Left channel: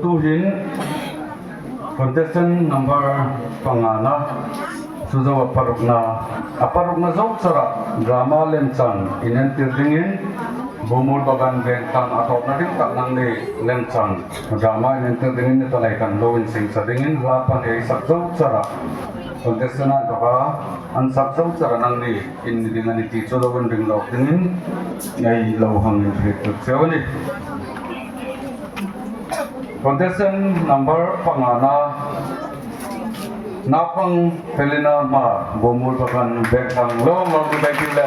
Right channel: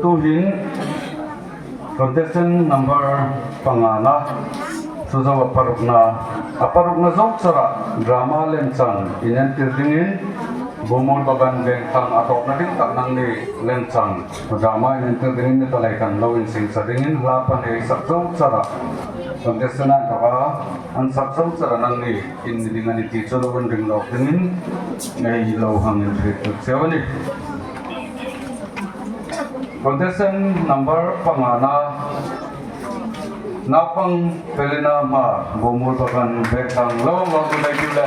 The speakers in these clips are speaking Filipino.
tuhin contestant number pangana suzo aparukna zok sara drama lenchan inentir dingin bumul bagan bentang atau nanti tak nang ni lenchan drama inentir dingin itu laikan lowin sing sadingin lapan sakzok sara contestant kaka an sakzok sara nang ni in dengan itu suzo wending lok dingin ngai lohang intrik sewani contestant number pangana napang Felina Hmar bumul bagan bentang lo magulay gila.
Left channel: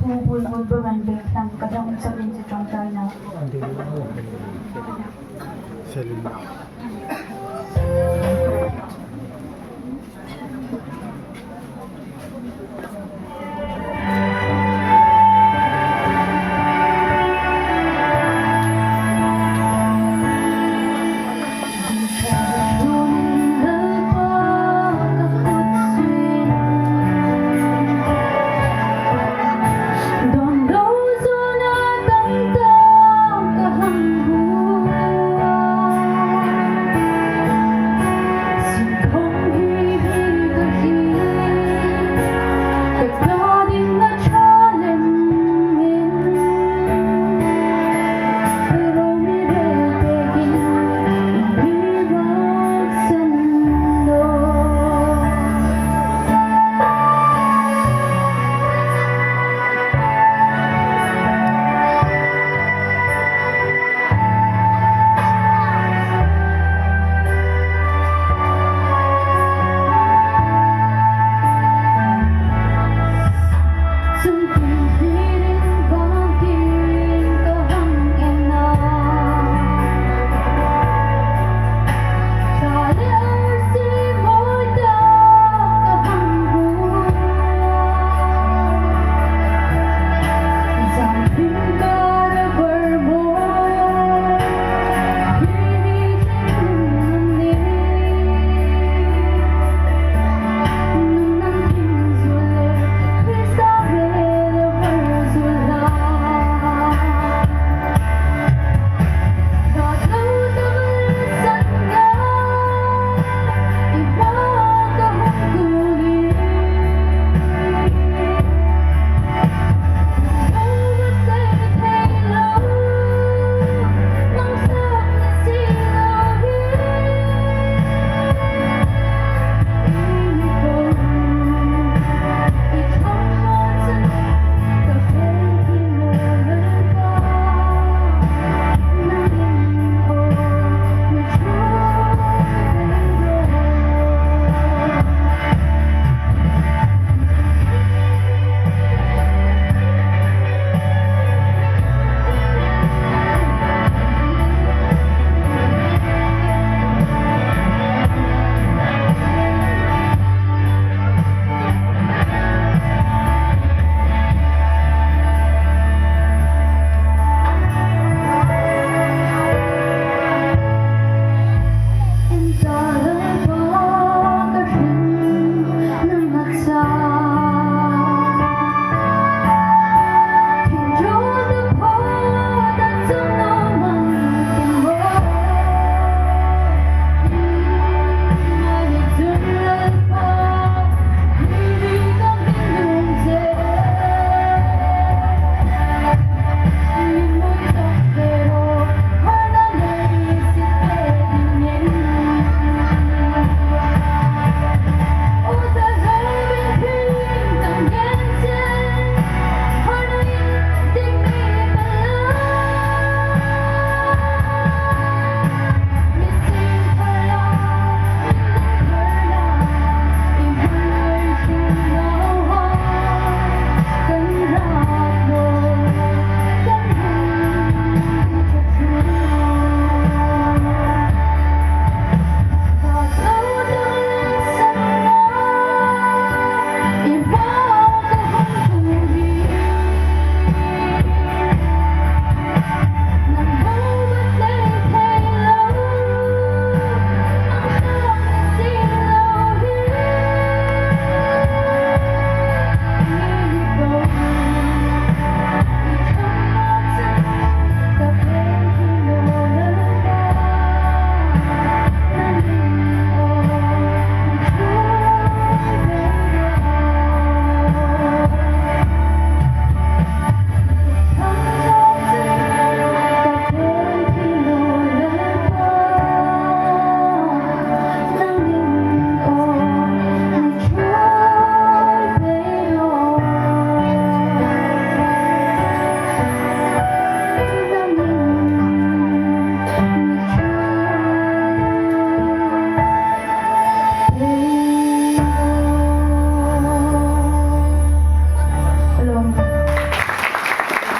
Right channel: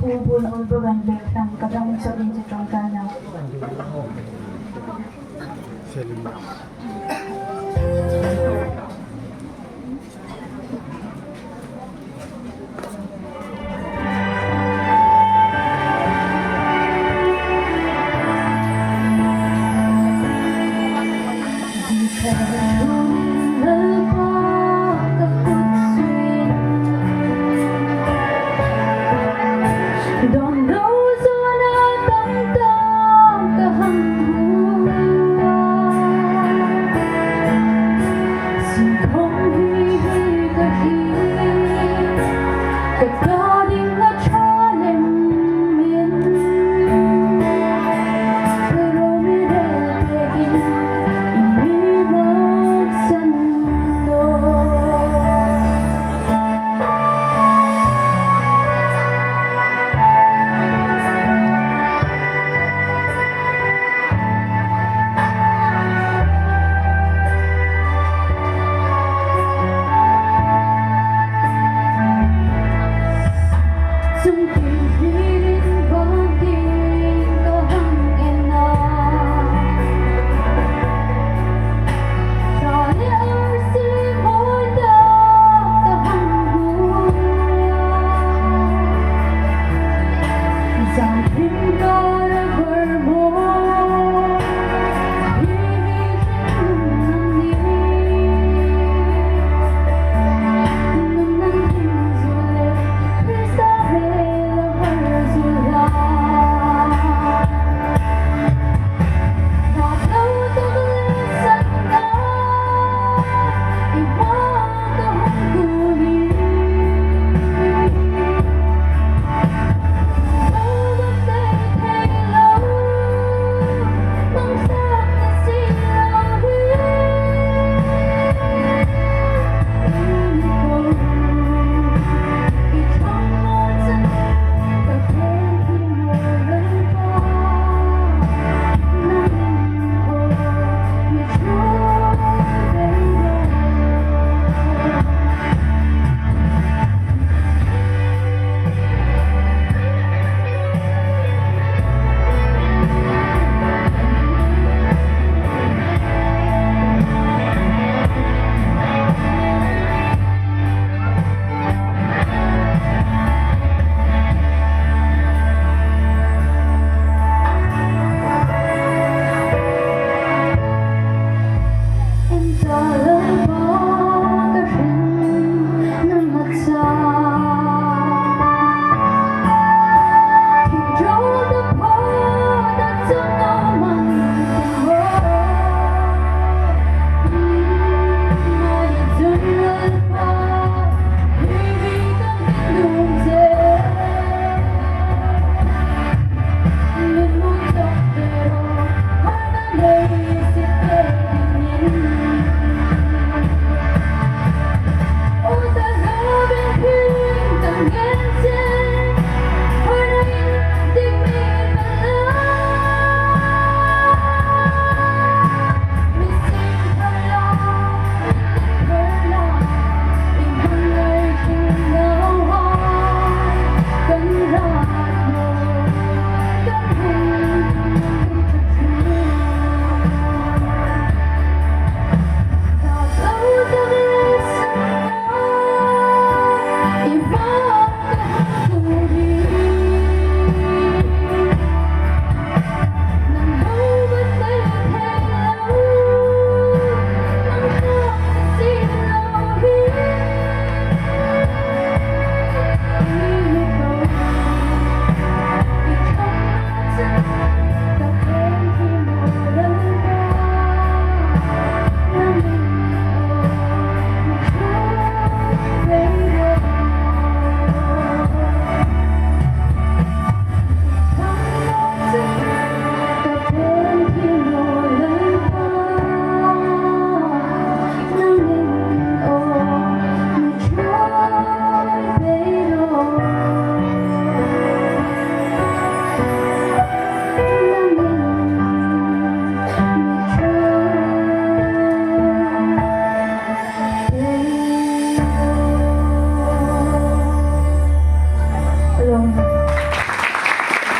Bumul bagan bentang kadang sabihin si Ṭawngṭaina.